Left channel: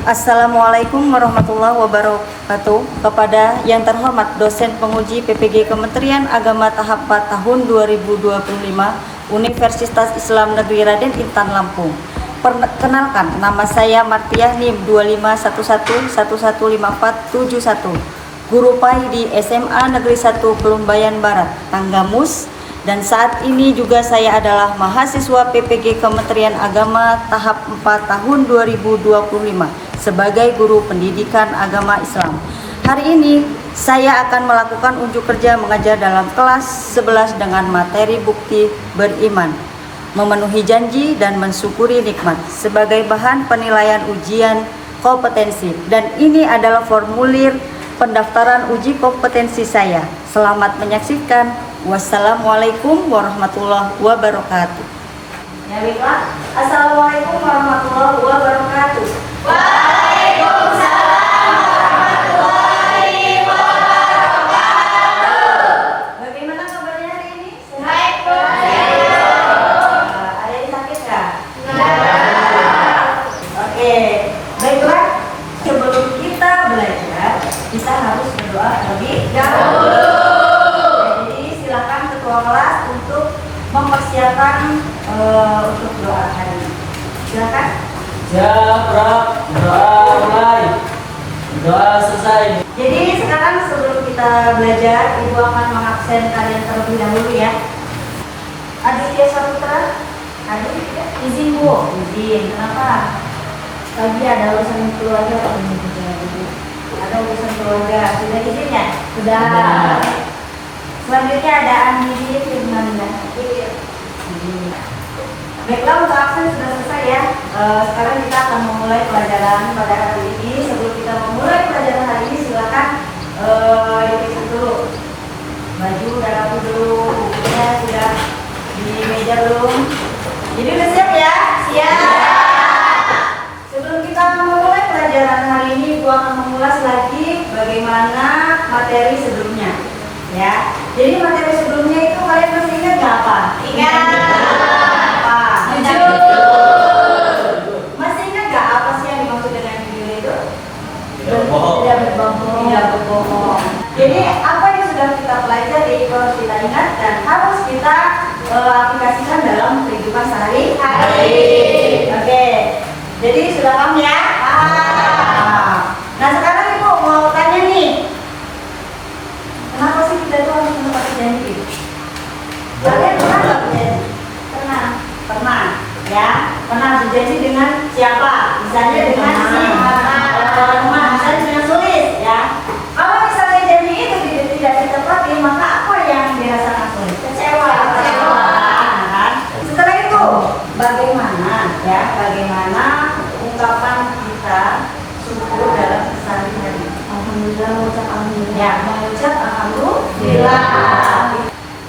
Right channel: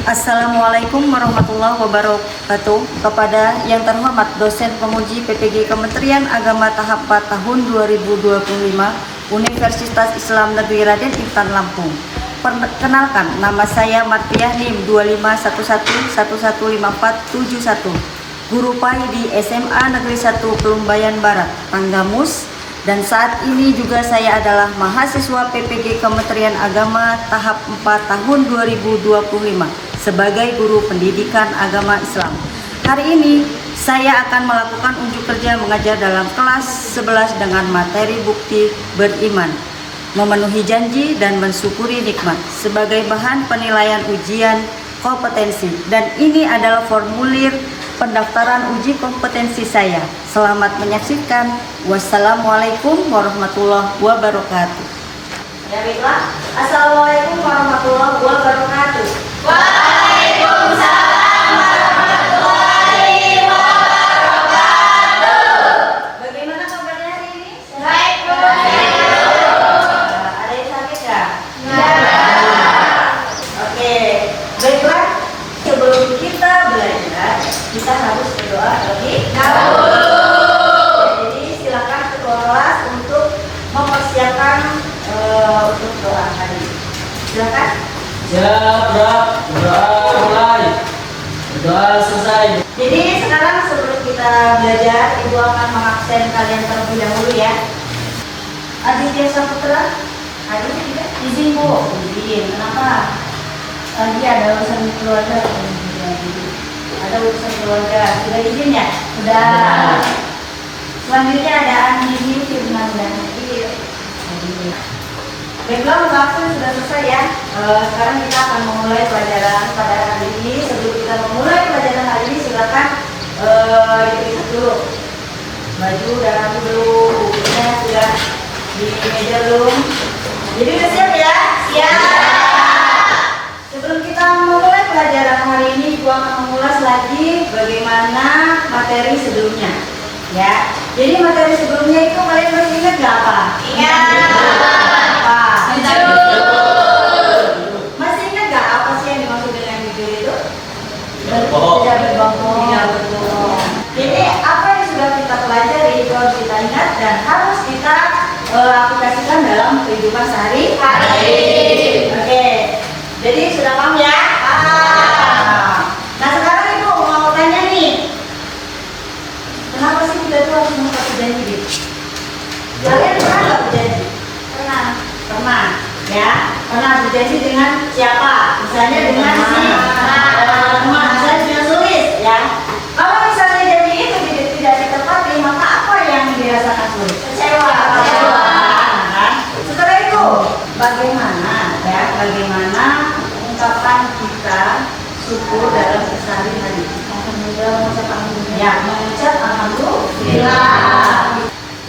Assalamualaikum warahmatullahi wabarakatuh. Kepada yang terhormat dosen penguji PPG Kementerian Agama tahap 4 tahun 2025 Universitas Islam Negeri Raden Intan Lampung. Perkenalkan, nama saya Martiah NIM 2511115471, guru PAI di SMA Negeri 1 Pelumbayan Barat, Tanggamus. Dan saat ini juga saya adalah mahasiswa PPG Kementerian Agama tahap 4 tahun 2025 sebagai guru pendidikan agama Islam. Hari ini saya akan melakukan unjuk kerja mengajar dalam kelas 11 dengan materi bukti beriman, memenuhi janji dan mensyukuri nikmat sebagai bahan penilaian ujian kompetensi. Dan ini adalah formulir pendaftaran uji kompetensi saya. Selamat menyaksikan. Wassalamualaikum warahmatullahi wabarakatuh. Ya, baiklah. Assalamualaikum warahmatullahi wabarakatuh. Waalaikumsalam warahmatullahi wabarakatuh. Bagaimana kabarnya hari ini? Baik, Bu. Ada yang sakit kah? Ya. Oke, baiklah. Sebelum kita belajar, kita harus berdoa terlebih dahulu. Jadi silakan ketua kelas untuk mempersiapkan untuk doa hari ini. Silakan. Jabra, doa mulai, doa selesai. Jadi sekarang sebelum kita belajar, Ibu akan mengabsen kalian terlebih dahulu ya. Aditya Saputra, hadir tidak? Izin Bu. Izin. Kenapa? Tadi ada urusan keluarga. Ada urusan keluarga. Sudah izin ya? Sudah. Selanjutnya ada Andi Firmanda. Baiklah, untuk absen sudah selesai ya. Sekarang kita akan memulai pelajaran pada hari ini. Sebelum kita memulai pelajaran hari ini, silakan ditutup dulu. Baju udah rapi dulu, bukunya sudah di meja belum? Jadi udah siap ya? Siap. Sebelum kita memulai pelajaran hari ini, gua akan mengulas lagi bagaimana materi sebelumnya. Ya. Jadi materi sebelumnya itu kalian masih ingat nggak apa? Ingat. Masih ingat nggak apa sih yang dimaksud dengan judul itu? Tidak berbohong. Tidak berbohong. Jadi apa yang sudah kita pelajari itu harus kita ingat dan harus kita aplikasikan dalam kehidupan sehari-hari. Oke. Jadi sudah paham ya? Paham. Nah sekarang Ibu mau tanya nih, kenapa sih kita tuh harus menepati janji gitu? Kalian pernah nggak berjanji? Pernah ya, pernah berjanji dengan siapa? Misalnya dengan si teman, misalnya dengan Sulis ya. Kalau misalnya janji itu tidak ditepati, maka apa yang dirasakan Sulis? Kecewa. Kan? Setelah itu bagaimana ya, bagaimana ungkapan kita syukur dalam keseharian? Alhamdulillah, mengucap alhamdulillah. Ya, mengucap alhamdulillah.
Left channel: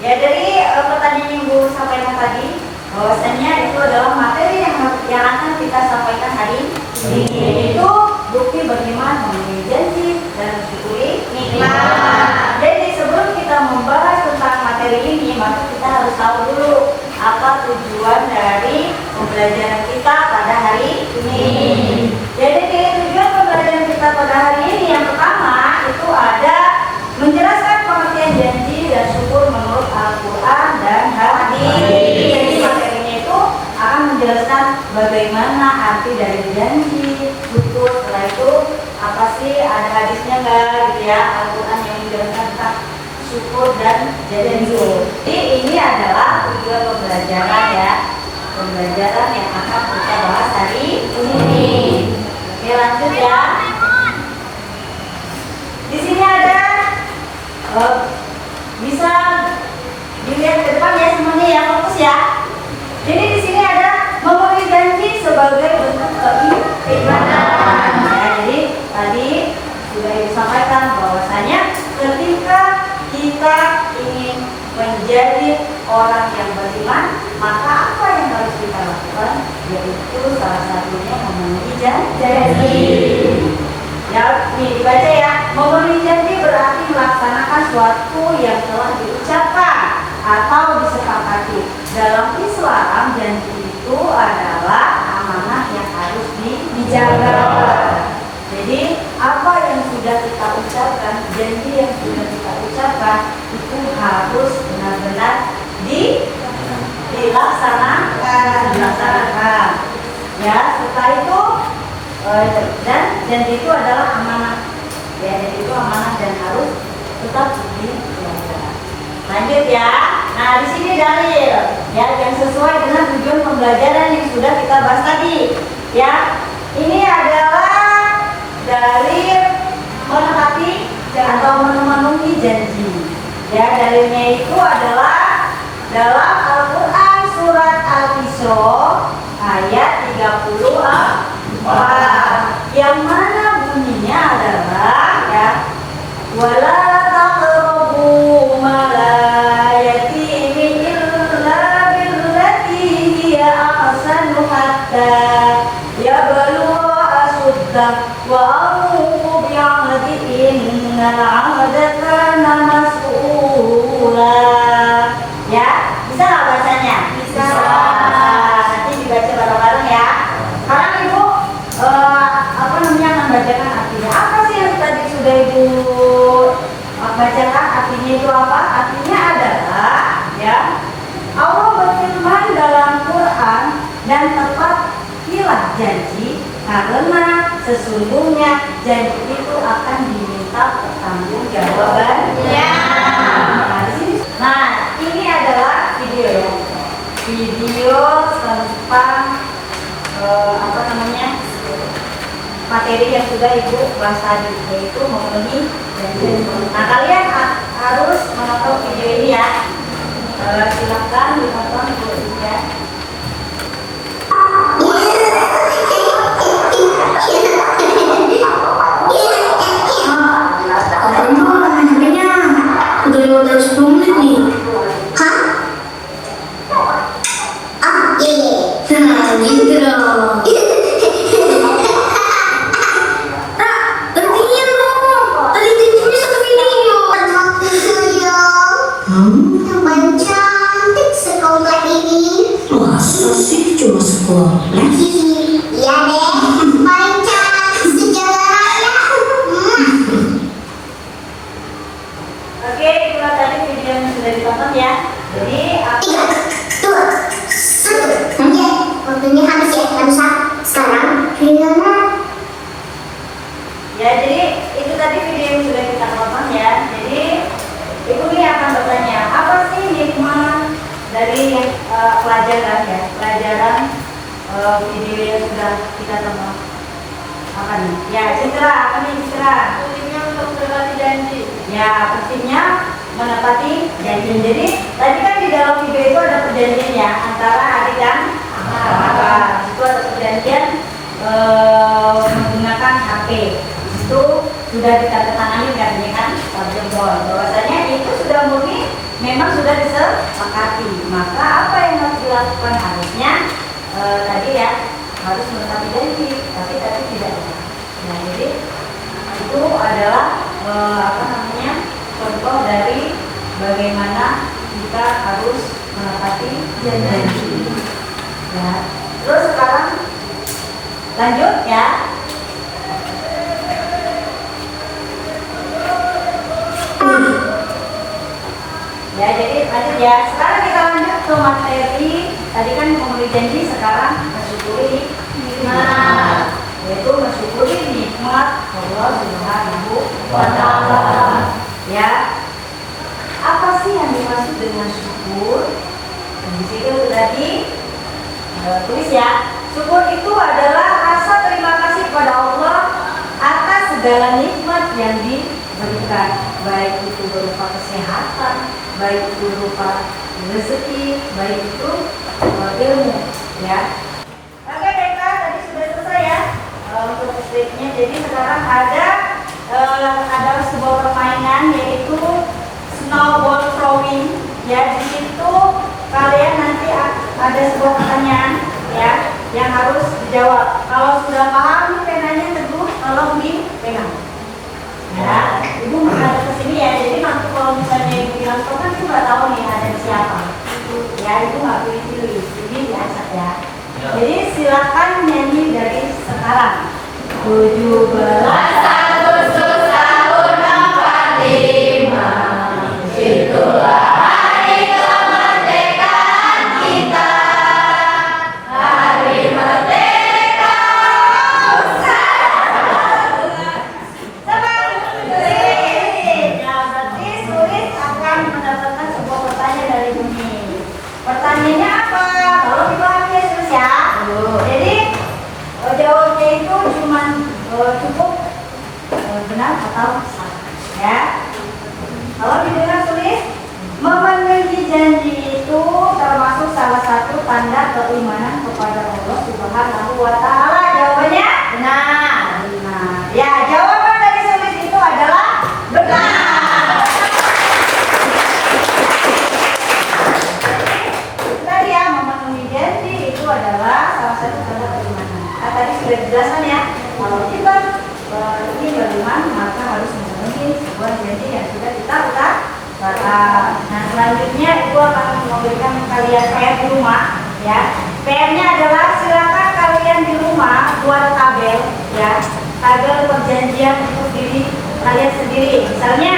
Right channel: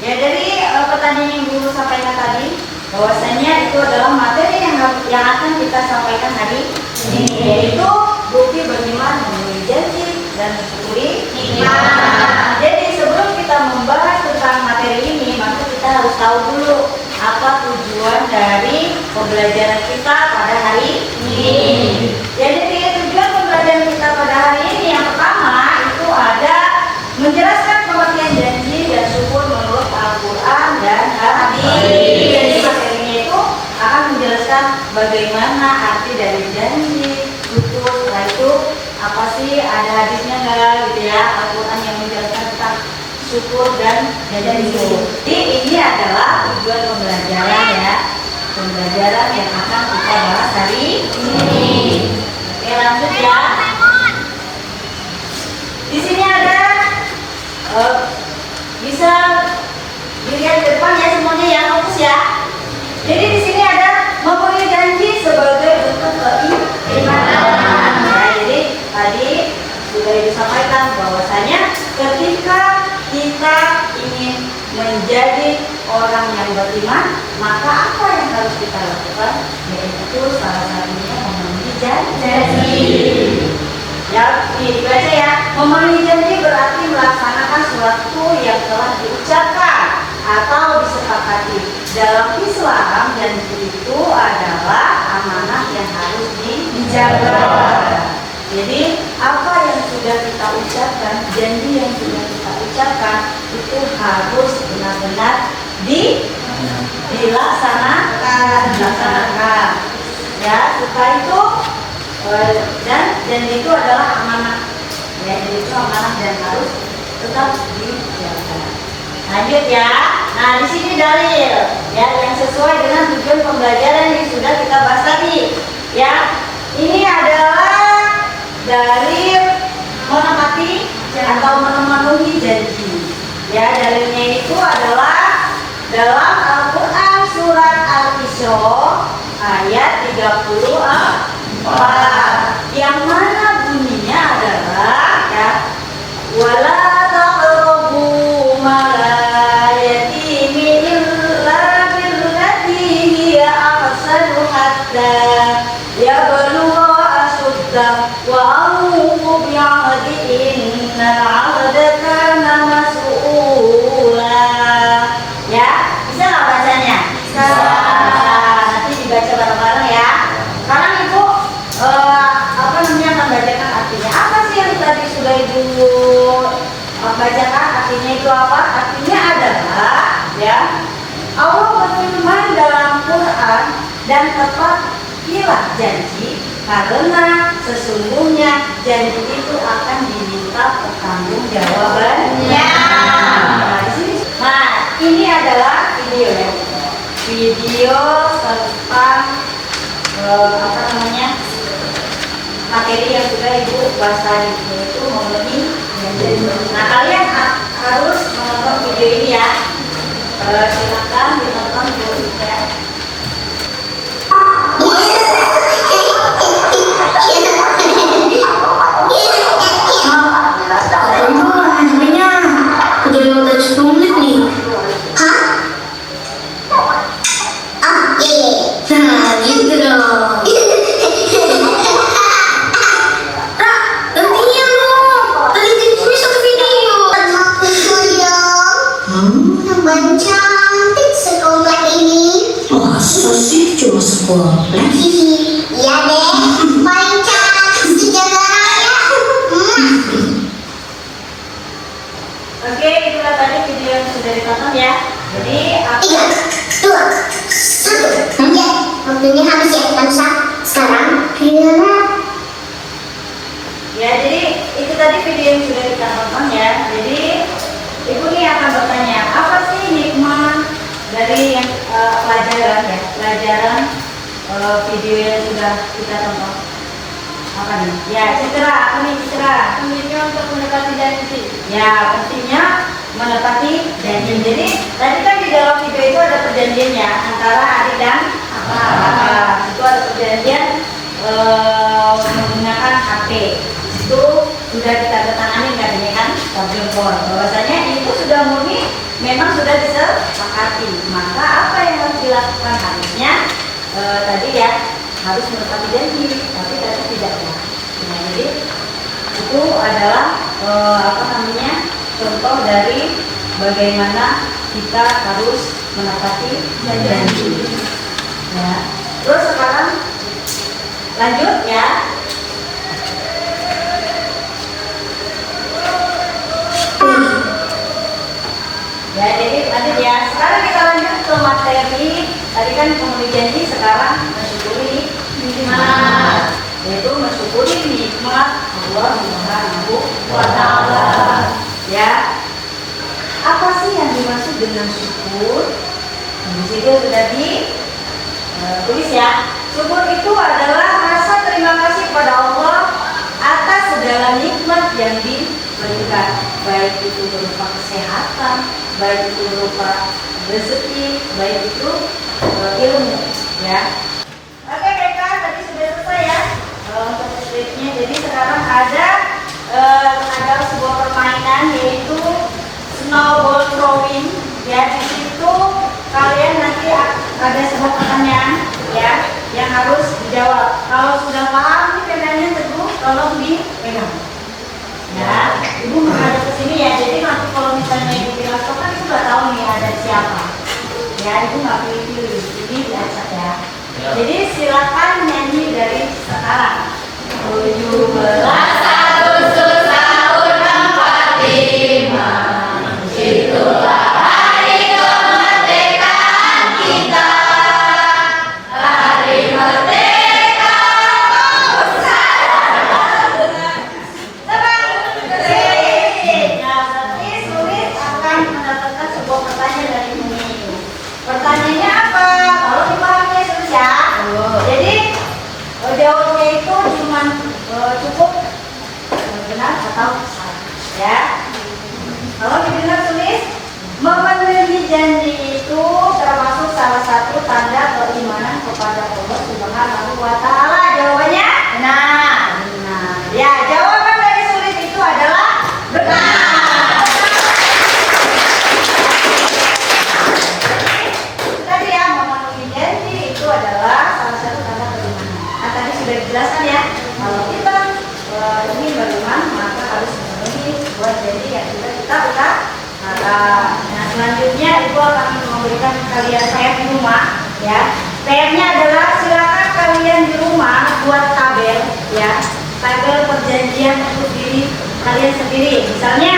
Ya, dari pertanyaan yang Ibu sampaikan tadi, bahwasanya itu adalah materi yang akan kita sampaikan hari ini, yaitu bukti beriman, memenuhi janji dan mensyukuri nikmat. Jadi sebelum kita membahas tentang materi ini, maka kita harus tahu dulu apa tujuan dari pembelajaran kita pada hari ini. Jadi tujuan pembelajaran kita pada hari ini yang pertama itu ada menjelaskan pengertian janji dan syukur menurut Al-Quran dan hadis. Jadi materinya itu akan menjelaskan bagaimana arti dari janji, syukur. Setelah itu apa sih, ada hadisnya nggak gitu ya, Al-Quran yang menjelaskan tentang syukur dan janji. Jadi ini adalah tujuan pembelajaran ya, pembelajaran yang akan kita bahas hari ini. Oke, lanjut ya. Di sini ada bisa dilihat ke depan ya semuanya ya, fokus ya. Jadi di sini ada memenuhi janji sebagai bentuk keimanan. Ya, jadi tadi sudah disampaikan bahwasanya ketika kita ingin menjadi orang yang beriman, maka apa yang harus kita lakukan? Yaitu salah satunya memenuhi janji. Ya, nih dibaca ya. Memenuhi janji berarti melaksanakan suatu yang telah diucapkan atau disepakati. Dalam Islam, janji itu adalah amanah yang harus dijaga. harus benar-benar dilaksanakan. Ya, suka itu dan janji itu adalah amanah. Ya, janji itu amanah dan harus tetap dilaksanakan. Lanjut ya. Nah, di sini dalil ya yang sesuai dengan tujuan pembelajaran yang sudah kita bahas tadi. Ya, ini adalah dalil menepati atau memenuhi janji. Ya, dalilnya itu adalah dalam Al-Quran surat Al-Isra ayat 34 yang mana bunyinya adalah ya wala taqrabu mala yatimi illa billati hiya ahsanu hatta yablugha asuddah wa aqumu bi'ahdi inna 'ahda kana mas'ula. Ya, bisa nggak bacanya? Bisa. Nanti dibaca bareng-bareng ya. Sekarang ibu membacakan artinya. Apa sih yang tadi sudah ibu bacakan? Artinya itu apa? Artinya adalah ya Allah berfirman dalam Quran dan tepatilah janji karena sesungguhnya janji itu akan diminta pertanggungjawabannya. Nah, ini adalah video ya. Video tentang materi yang sudah ibu bahas tadi, yaitu memenuhi janji. Nah, kalian harus menonton video ini ya. Silakan ditonton video ini ya. Iya deh, paling cantik sejarah raya. Oke, itulah tadi video yang sudah ditonton ya. Jadi 3, 2, 1. Ya, waktunya habis ya, kita bisa sekarang videonya. Ya, jadi itu tadi video yang sudah kita tonton ya. Jadi ibu nih akan bertanya, apa sih hikmah dari pelajaran video yang sudah kita tonton? Apa nih? Ya, citra, apa nih citra? Pentingnya untuk menepati janji. Ya, pentingnya menepati janji. Jadi tadi kan di dalam video itu ada perjanjiannya antara adik dan kakak. Itu ada perjanjian menggunakan HP. Itu sudah ditandatangani kan ini kan, bahwasanya itu sudah murni memang sudah disepakati. Maka apa yang harus dilakukan harusnya tadi ya harus menepati janji, tapi tadi tidak ya. Nah, jadi itu adalah contoh dari bagaimana kita harus menepati janji. Ya. Terus sekarang lanjut ya. Ya, jadi lanjut ya. Sekarang kita lanjut ke materi. Tadi kan memenuhi janji, sekarang mensyukuri nikmat. Yaitu mensyukuri nikmat Allah Subhanahu wa Ta'ala. Ya. Apa sih yang dimaksud dengan syukur? Di situ sudah ditulis ya. Syukur itu adalah rasa terima kasih kepada Allah atas segala nikmat yang diberikan, baik itu berupa kesehatan, baik itu berupa rezeki, baik itu ilmu, ya. Oke, mereka tadi sudah selesai ya untuk skripnya. Jadi sekarang ada sebuah permainan yaitu snowball throwing. Ya, di situ kalian nanti ada sebuah pertanyaan ya yang harus dijawab. Kalau sudah paham nih penanya teguh, tolong dipegang. Ya, ibu menghadap ke sini ya. Jadi nanti kalau misalnya ibu bilang kan ibu nggak tahu nih ada siapa. Ya, ibu nggak pilih-pilih. Jadi diacak ya. Jadi silakan nyanyi dari sekarang. 17 Agustus tahun 45 itulah Kalau dipahami ya Sus ya. Jadi jawabnya itu cuma cukup benar atau salah ya. Kalau didengar tulis memenuhi janji itu termasuk salah satu tanda keimanan kepada Allah Subhanahu wa taala. Jawabannya benar. Benar. Ya, jawaban dari sulit itu adalah benar. Tadi ya, memenuhi janji itu adalah salah satu tanda keimanan. Nah, tadi sudah dijelaskan ya. Kalau kita ingin beriman maka harus memenuhi sebuah janji yang sudah kita ucapkan. Nah, selanjutnya Ibu akan memberikan kalian PR di rumah ya. PR-nya adalah silakan kalian di rumah buat tabel ya. Tabel perjanjian untuk diri kalian sendiri. Misalnya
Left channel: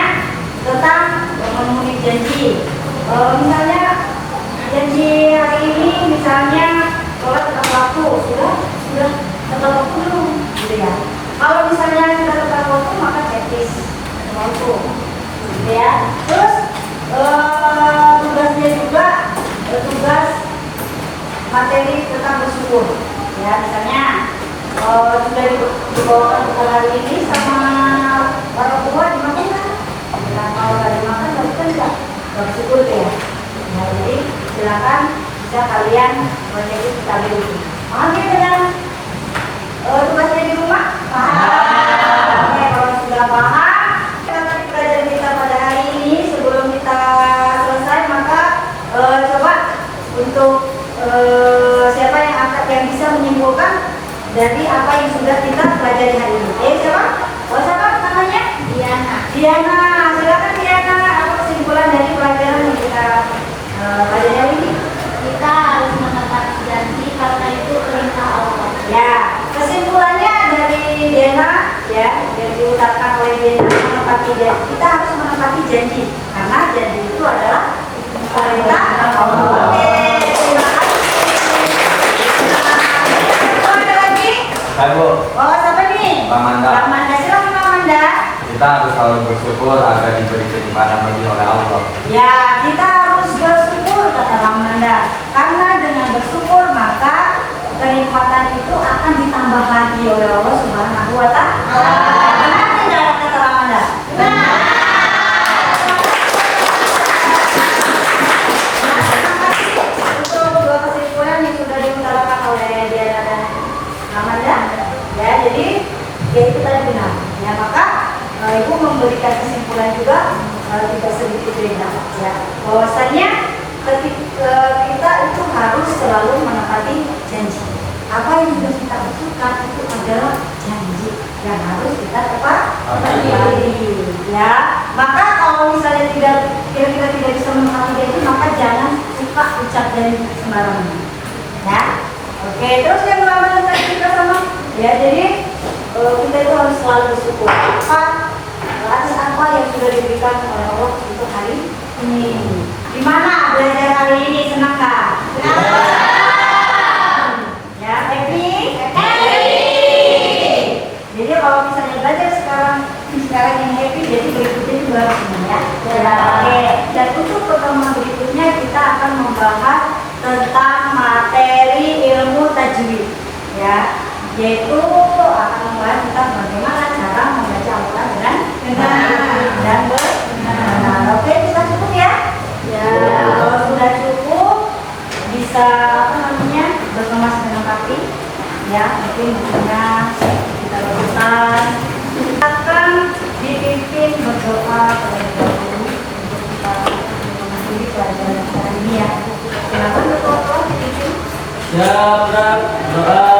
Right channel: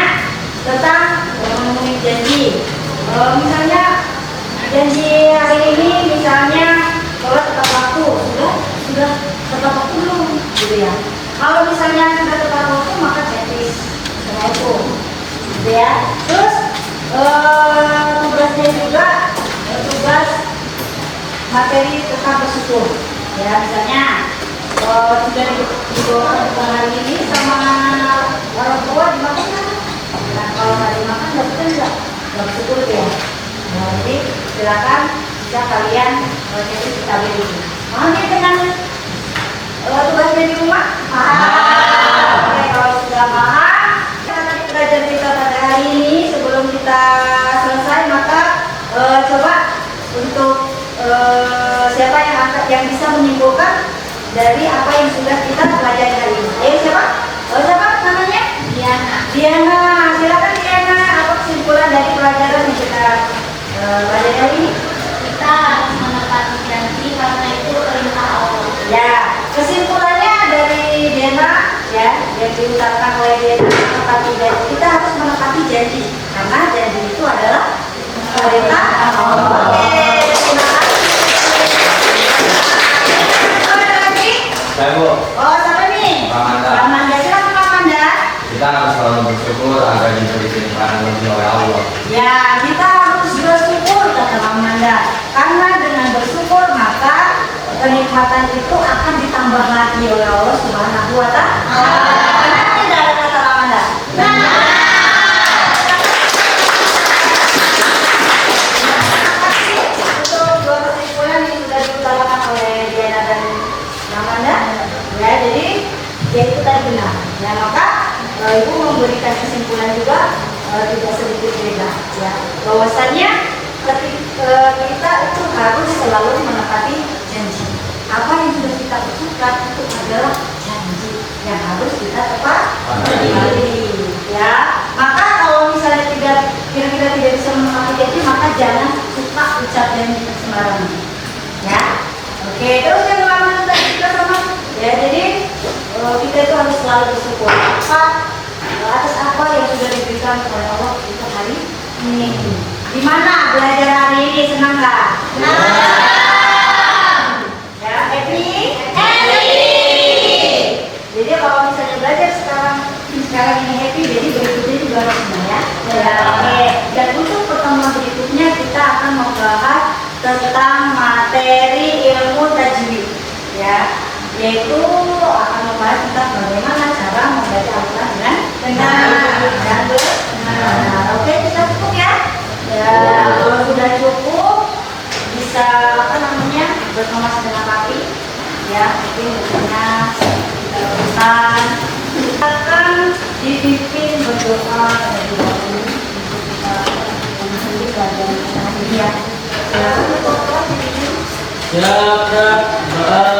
tentang memenuhi janji. Misalnya janji hari ini misalnya sholat tepat waktu sudah tepat waktu belum gitu ya. Kalau misalnya sudah tepat waktu maka checklist waktu gitu ya. Terus tugasnya juga tugas materi tentang bersyukur ya. Misalnya sudah dibawakan ke hari ini sama orang tua dimakan kan? Nah, kalau nggak dimakan berarti kan nggak bersyukur tuh ya. Nah, jadi silakan bisa kalian menjadi stability. Mau dia dengan tugasnya di rumah? Paham? Oke, kalau sudah paham, belajar kita pada hari ini sebelum kita selesai maka coba untuk siapa yang bisa menyimpulkan dari apa yang sudah kita pelajari hari ini. Ayo siapa? Siapa namanya? Diana. Diana, silakan Diana. Apa kesimpulan dari pelajaran yang kita pelajari hari ini? Kita harus menepati janji karena itu perintah Allah. Ya, kesimpulannya dari Diana ya, yang diucapkan oleh Diana menepati janji. Kita harus menepati janji karena janji itu adalah perintah Allah. Oke, silakan. Ada lagi? Ibu, Oh, siapa nih? Pak Manda. Pak Manda, silakan Pak Manda. Kita harus selalu bersyukur agar diberi kenikmatan lebih oleh Allah. Ya, kita harus bersyukur kata Pak Manda. Karena dengan bersyukur maka kenikmatan itu akan ditambah lagi oleh Allah Subhanahu wa taala. Benar tidak kata Pak Manda? Benar. Untuk dua kesimpulan yang sudah diutarakan oleh Diana dan Pak Manda. Ya, jadi itu tadi benar. Ya, maka Ibu memberikan kesimpulan juga sedikit beda ya, bahwasanya kita itu harus selalu menepati janji. Apa yang sudah kita ucapkan itu adalah janji yang harus kita tepati ya. Maka kalau misalnya kita tidak bisa menepati janji maka jangan suka ucap janji sembarangan ya. Oke, terus yang lain tadi kita sama ya, jadi kita itu harus selalu bersyukur atas apa yang sudah diberikan kepada Allah untuk hari ini. Gimana belajar hari ini, senang nggak? Ya, happy? Jadi kalau misalnya belajar sekarang ini happy, jadi berikutnya juga harus semua ya. Oke. Dan untuk pertemuan berikutnya kita akan membahas tentang materi ilmu tajwid ya, yaitu akan membahas tentang bagaimana cara membaca Al-Quran dengan benar dan benar. Oke, sudah cukup ya? Ya, kalau sudah cukup bisa berkemas dengan kaki ya, mungkin berkemas kita lakukan akan dipimpin berdoa jadi pelajaran hari ini ya. Silakan berdoa. Siap, doa.